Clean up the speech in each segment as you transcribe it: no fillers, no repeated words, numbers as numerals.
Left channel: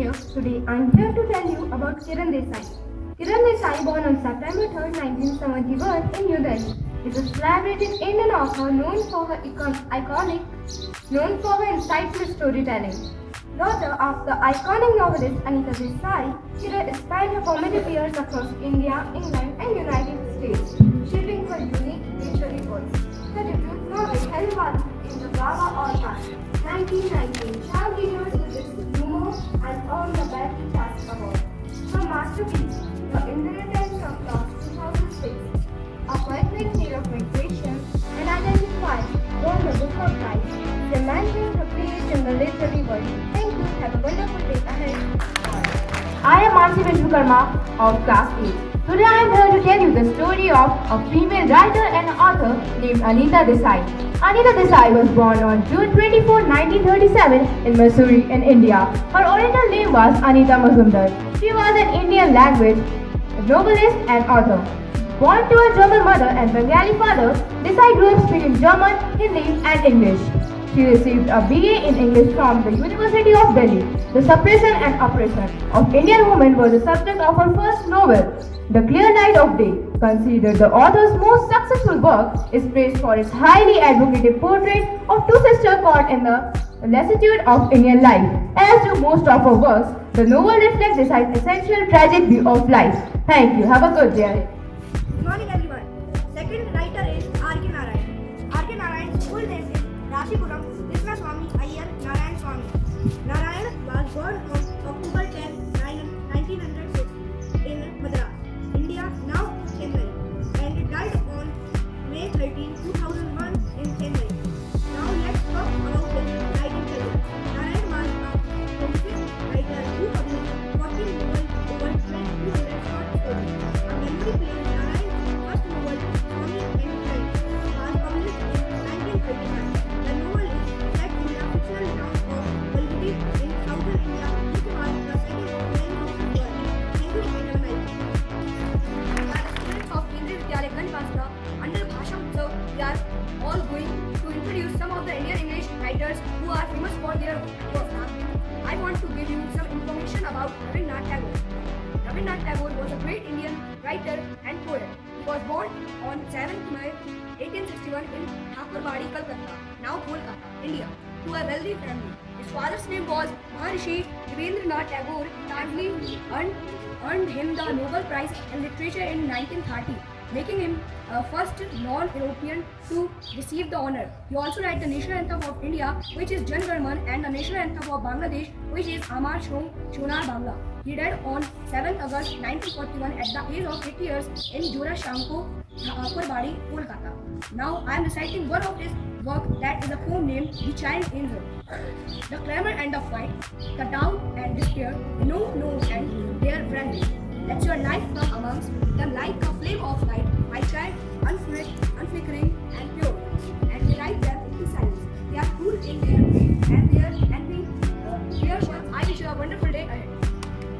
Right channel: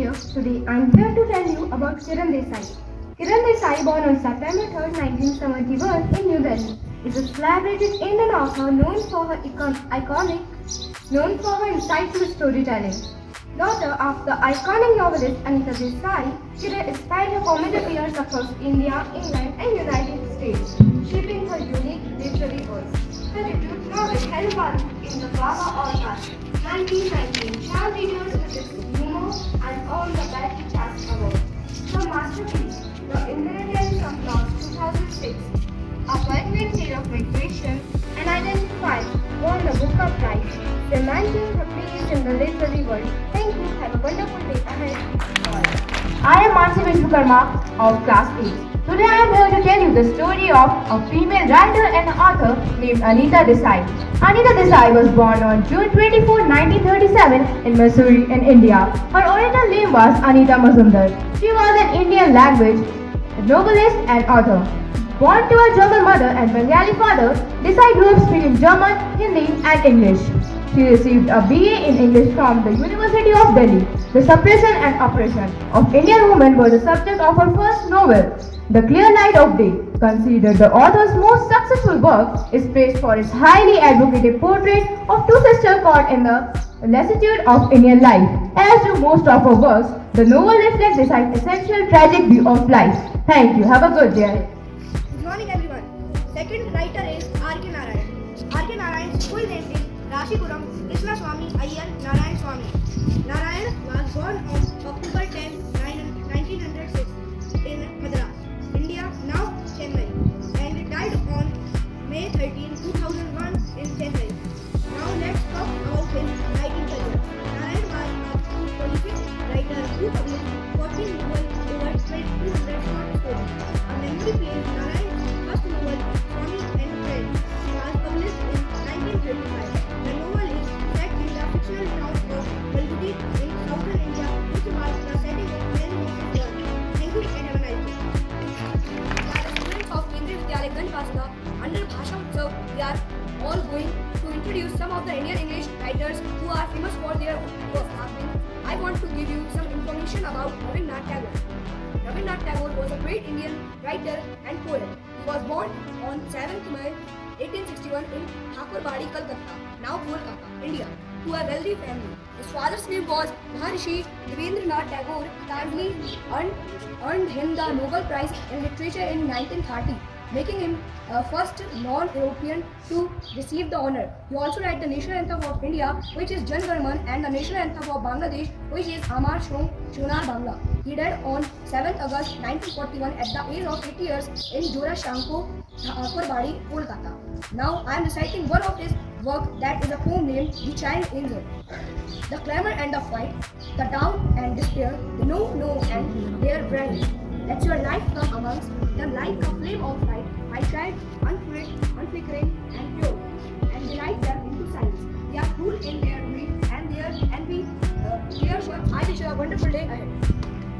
here. Today I am here to tell you about Kiran Desai. Kiran Desai, born on September 3, 1971 in New Delhi, is a celebrated Indian author known for her insightful storytelling. Daughter of the iconic novelist Anita Desai, Kiran spent her formative years across India, England and United States, shaping her unique literary voice. The debut novel held won in the Baba Award 1919 child readers with its humor and earned the Betty Chast Award. Her masterpiece, The Inheritance of Lost 2006, a poignant tale of migration and identity, won the Booker Prize, cementing her place in the literary world. Thank you. Have a wonderful day ahead. I am Mansi Vishwakarma of Class 8. Today I am here to tell you the story of a female writer and author named Anita Desai. Anita Desai was born on June 24, 1937 in Missouri in India. Her original name was Anita Mazumdar. She was an Indian language novelist and author. Born to a German mother and Bengali father, Desai grew up speaking German, Hindi and English. She received a BA in English from the University of Delhi. The suppression and oppression of Indian women was the subject of her first novel, The Clear Light of Day. Considered the author's most successful work, is praised for its highly advocative portrait of two sisters caught in the lassitude of Indian life. As do most of her works, the novel reflects this essential tragic view of life. Thank you. Have a good day. Good morning everyone. Second writer is R.K. Narayan. R.K. Narayan's full name is Rashipuram Krishna Swami Iyer Narayan Swami. Narayan was born on October 10, 1906 in Madras, India, now Chennai, and died on May 13, 2001 in Chennai. Now let's talk about his writing career. Narayan was a prolific writer who published 14 novels over 200 short stories. A memory played Narayan's first novel, Swami and Friends, was published in 1935. The novel is set in the fictional town of Balgudi in southern India, which was the setting of many of his works. Thank you and have a nice day. We are students of Kendriya Vidyalaya Ganpasta. Under Bhasha Utsav, we are all going to introduce some of the Indian English writers who are famous for their work. I want to give you some information about Rabindranath Tagore. Rabindranath Tagore was a great Indian writer and poet. He was born on 7th May 1861 in Thakurbadi, Calcutta, now Kolkata, India, to a wealthy family. His father's name was Maharishi Devendranath Tagore. Tagore earned him the Nobel Prize in Literature in 1930, making him first non-European to receive the honor. He also wrote the national anthem of India, which is Jan Gan Man, and the national anthem of Bangladesh, which is Amar Shonar Bangla. He died on 7th August 1941 at the age of 80 years in Jora Shanko, Thakurbadi, Kolkata. Now I am reciting one of his work, that is a poem named The Child Angel. The clamor and the fight, the doubt and despair, the no and their branding. Let your life come amongst them like a flame of light, my child, unflickering and pure, and light them into silence. They are cool in their way, and we I wish you a wonderful day ahead.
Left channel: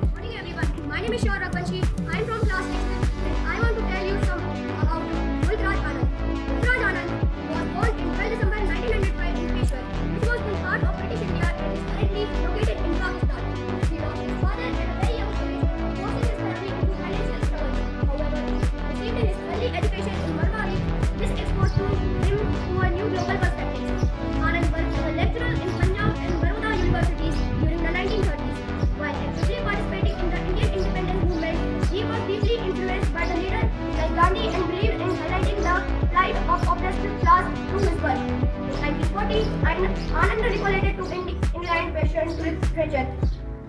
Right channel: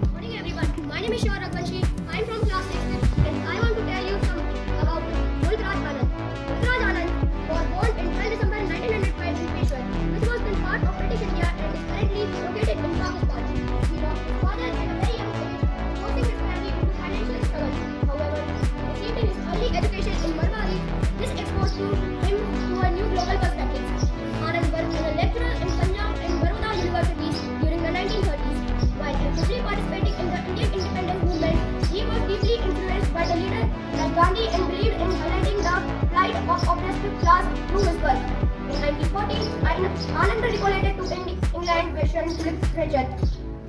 Good morning everyone. My name is Shah Rakbanshi. I am from class 6 and I want to tell you some about Mulkraj Anand. Mulkraj Anand was born in 12 December 1905 in Peshawar, which was then part of British India and is currently located in Pakistan. He lost his father at a very young age, forcing his family into financial struggles. However, received his early education in Marwari. This exposed him to a new global perspective. Anand worked as a lecturer in Punjab and Baroda universities during the 1930s. While actively participating in the Indian independence movement, he was deeply influenced by the leaders like Gandhi and believed in highlighting the plight of oppressed class through his work. In 1940, Anand recollected to England Western literature,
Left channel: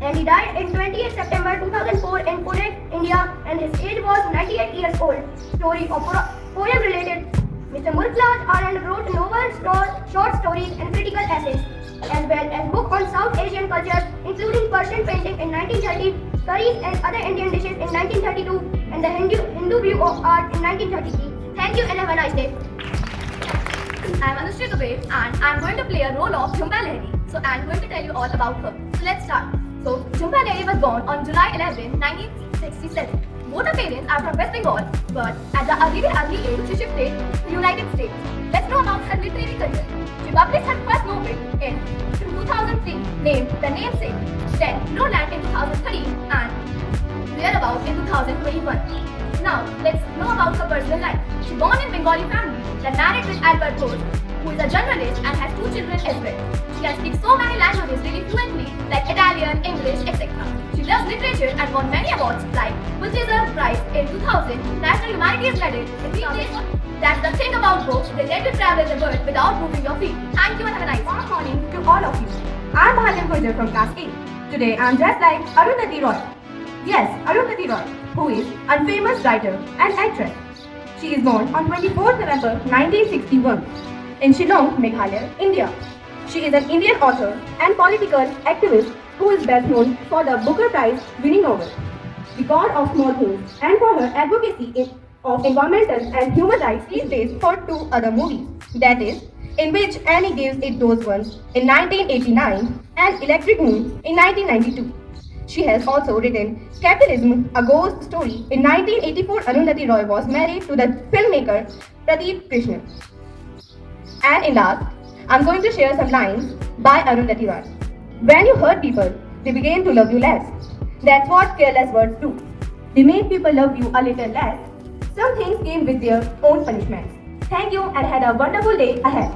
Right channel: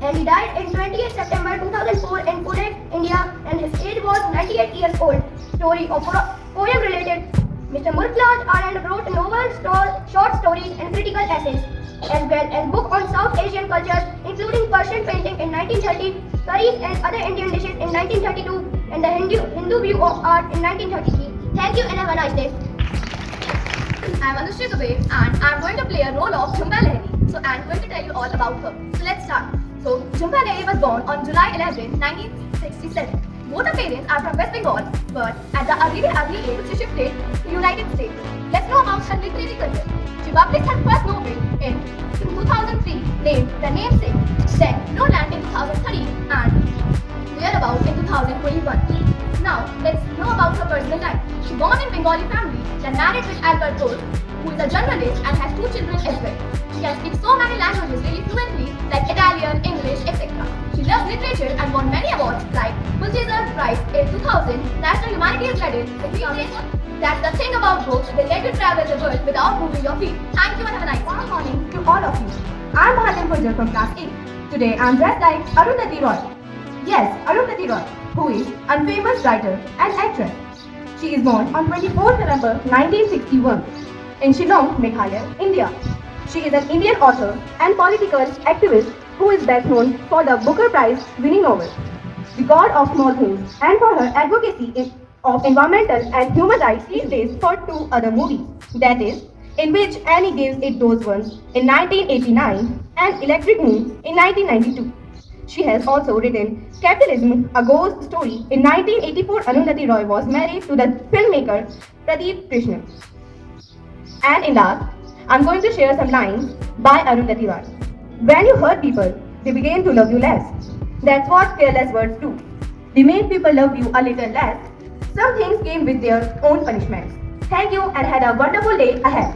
and he died in 28 September 2004 in Pune, India, and his age was 98 years old. Story of poem related. Mr. Mulkraj Anand wrote novels, short stories, and critical essays, as well as book on South Asian cultures, including Persian painting in 1930, curries and other Indian dishes in 1932, and the Hindu view of art in 1933. Thank you and have a nice day. I am Anushree Dubey and I am going to play a role of Jhumpa Lahiri. So I am going to tell you all about her. So let's start. So Jhumpa Lahiri was born on July 11, 1967. Both her parents are from West Bengal, but at the really early age she shifted to United States. Let's know about her literary career. She published her first novel in 2003 named The Namesake, then No Land in 2013 and thereabout in 2021. Now, let's know about her personal life. She born in Bengali family, then married with Albert Ghosh, who is a journalist and has 2 children as well. She can speak so many languages really fluently, like Italian, English, etc. She loves literature and won many awards like Pulitzer Prize in 2000, National Humanities Medal in English. That's the thing about books, they let you travel the world without moving your feet. Thank you and have a nice Good morning to all of you. I'm Bhalyan Gurjar from class 8. Today I'm dressed like Arundhati Roy. Yes, Arundhati Roy, who is a famous writer and actress. She is born on 24th November 1961 in Shillong, Meghalaya, India. She is an Indian author and political activist who is best known for the Booker Prize winning novel, The God of Small Things, and for her advocacy of environmental and human rights these days for 2 other movies. That is, in which Annie gives it those ones in 1989 and Electric Moon in 1992. She has also written Capitalism, a Ghost Story. In 1984, Arundhati Roy was married to the filmmaker Pradeep Krishnan. And in last, I'm going to share some lines by Arundhati Roy. When you hurt people, they begin to love you less. That's what careless words do. They make people love you a little less. Some things came with their own punishments. Thank you and had a wonderful day ahead.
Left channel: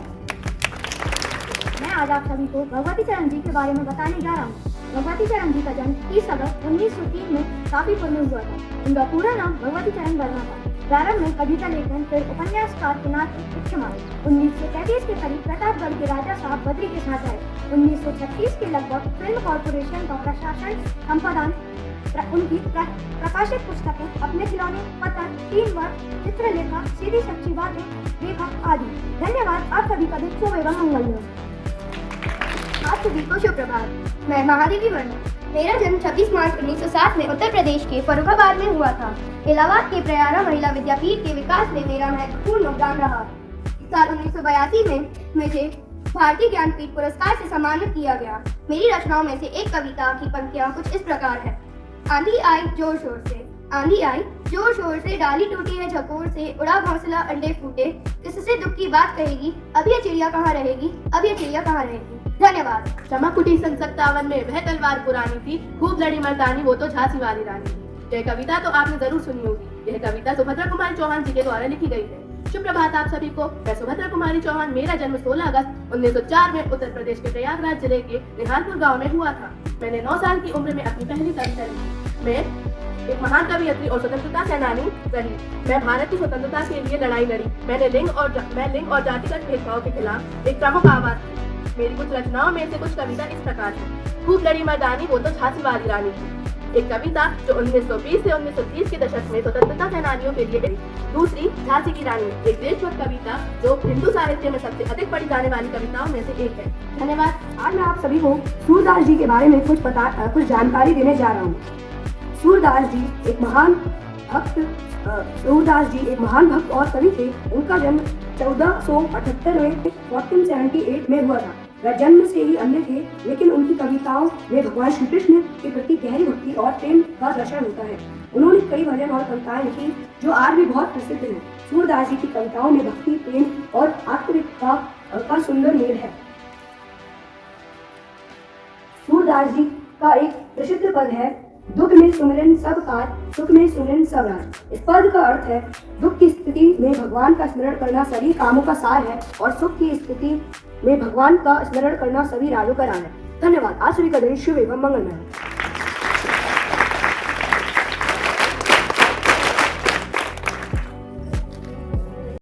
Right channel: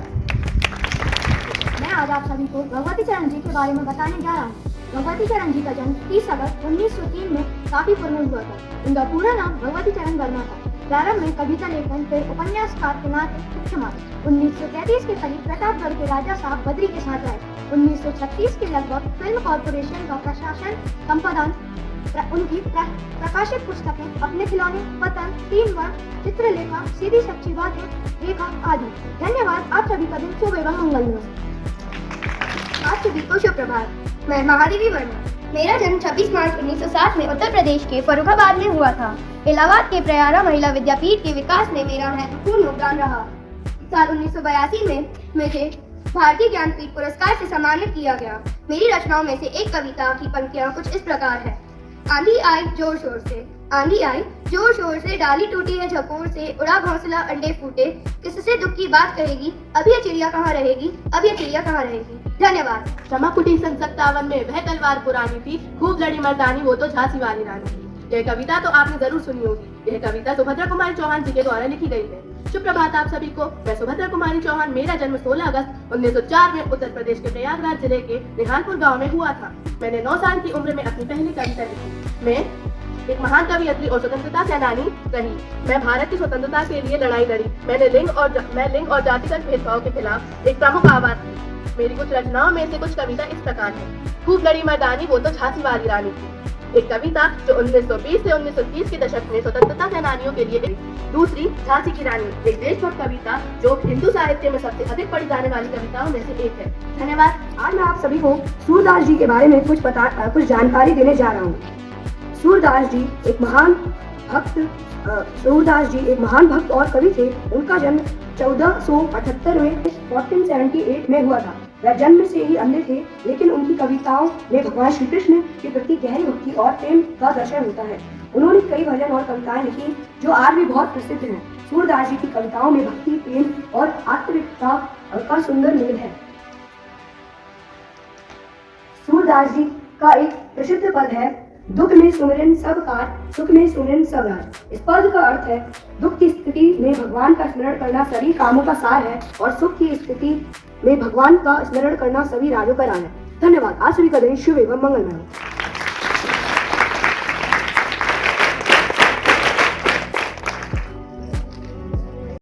मैं आज आप सभी को भगवती चरण जी के बारे में बताने जा रहा हूँ। भगवती चरण जी का जन्म 30 अगस्त 1903 में काफी पूर्व हुआ था। उनका पूरा नाम भगवती चरण वर्मा था। प्रारंभ में कविता लेखन फिर उपन्यासकार के नाम क्षमा। 1933 के करीब प्रतापगढ़ के राजा साहब बद्री के साथ आए। 1936 के लगभग फिल्म कॉर्पोरेशन का प्रशासन संपादन उनकी प्रकाशित पुस्तकें अपने खिलौने, पतन, टीम वर्क, चित्रलेखा, सीधी सच्ची बातें, रेखा आदि। धन्यवाद। आप सभी का दिन शुभ एवं मंगलमय। आप सभी को शुभ प्रभात। मैं महादेवी वर्मा। मेरा जन्म 26 मार्च 1960 में उत्तर प्रदेश के फर्रुखाबाद में हुआ था। इलाहाबाद के प्रयारा महिला विद्यापीठ के विकास में मेरा महत्वपूर्ण योगदान रहा। साल 1982 में मुझे भारतीय ज्ञानपीठ पुरस्कार से सम्मानित किया गया। मेरी रचनाओं में से एक कविता की पंक्तियां कुछ इस प्रकार है। आंधी आई जोर शोर से, आंधी आई जोर शोर से, डाली टूटी है झकोर से, उड़ा घोंसला अंडे फूटे, किससे दुख की बात कहेगी, अब ये चिड़िया कहाँ रहेगी, अब ये चिड़िया कहाँ रहेगी। धन्यवाद। क्षमा कुटी सन 57 में वह तलवार पुरानी थी, खूब लड़ी मर्दानी वो तो झांसी वाली रानी। यह कविता तो आपने जरूर सुनी होगी। यह कविता सुभद्रा कुमारी चौहान जी के द्वारा लिखी गई है। शुभ प्रभात आप सभी को। मैं सुभद्रा कुमारी चौहान। मेरा जन्म 16 अगस्त 1904 में उत्तर प्रदेश के प्रयागराज जिले के निहालपुर गांव में हुआ था। मैंने 9 साल की उम्र में अपनी पहली कविता लिखी। मैं एक महान कवयित्री और स्वतंत्रता सेनानी रही। मैं भारत की स्वतंत्रता के लिए लड़ाई लड़ी। मैं लिंग और जातिगत भेदभाव के खिलाफ एक प्रमुख आवाज थी। मेरी कुछ रचनाओं में से कुछ कविता इस प्रकार है। खूब लड़ी मर्दानी वो तो झांसी वाली रानी थी, एक कविता जो 1920 से 1930 के दशक में स्वतंत्रता सेनानियों के लिए गई। दूसरी झांसी की रानी, एक देशभक्त कविता जो हिंदू साहित्य में सबसे अधिक पढ़ी जाने वाली कविताओं में से एक है। धन्यवाद। आज मैं आप सभी को सूरदास जी के बारे में कुछ जानकारी देने जा रहा हूँ। सूरदास जी एक महान भक्त और कवि थे। उनका जन्म 1478 में 1478 में हुआ था। वह जन्म से ही अंधे थे, लेकिन उनकी कविताओं में भगवान श्री कृष्ण के प्रति गहरी भक्ति और प्रेम का दर्शन होता है। उन्होंने कई भजन और कविताएं लिखी जो आज भी बहुत प्रसिद्ध हैं। सूरदास जी की कविताओं में भक्ति, प्रेम और आत्मिकता का सुंदर मेल है। सूरदास जी का एक प्रसिद्ध पद है, दुख में सुमिरन सब कार, सुख में सुमिरन सब रार। इस पद का अर्थ है, दुख की स्थिति में भगवान का स्मरण करना सभी कामों का सार है और सुख की स्थिति में भगवान का स्मरण करना सभी राजों का राज है। धन्यवाद। आज सभी का दिन शुभ एवं मंगलमय हो।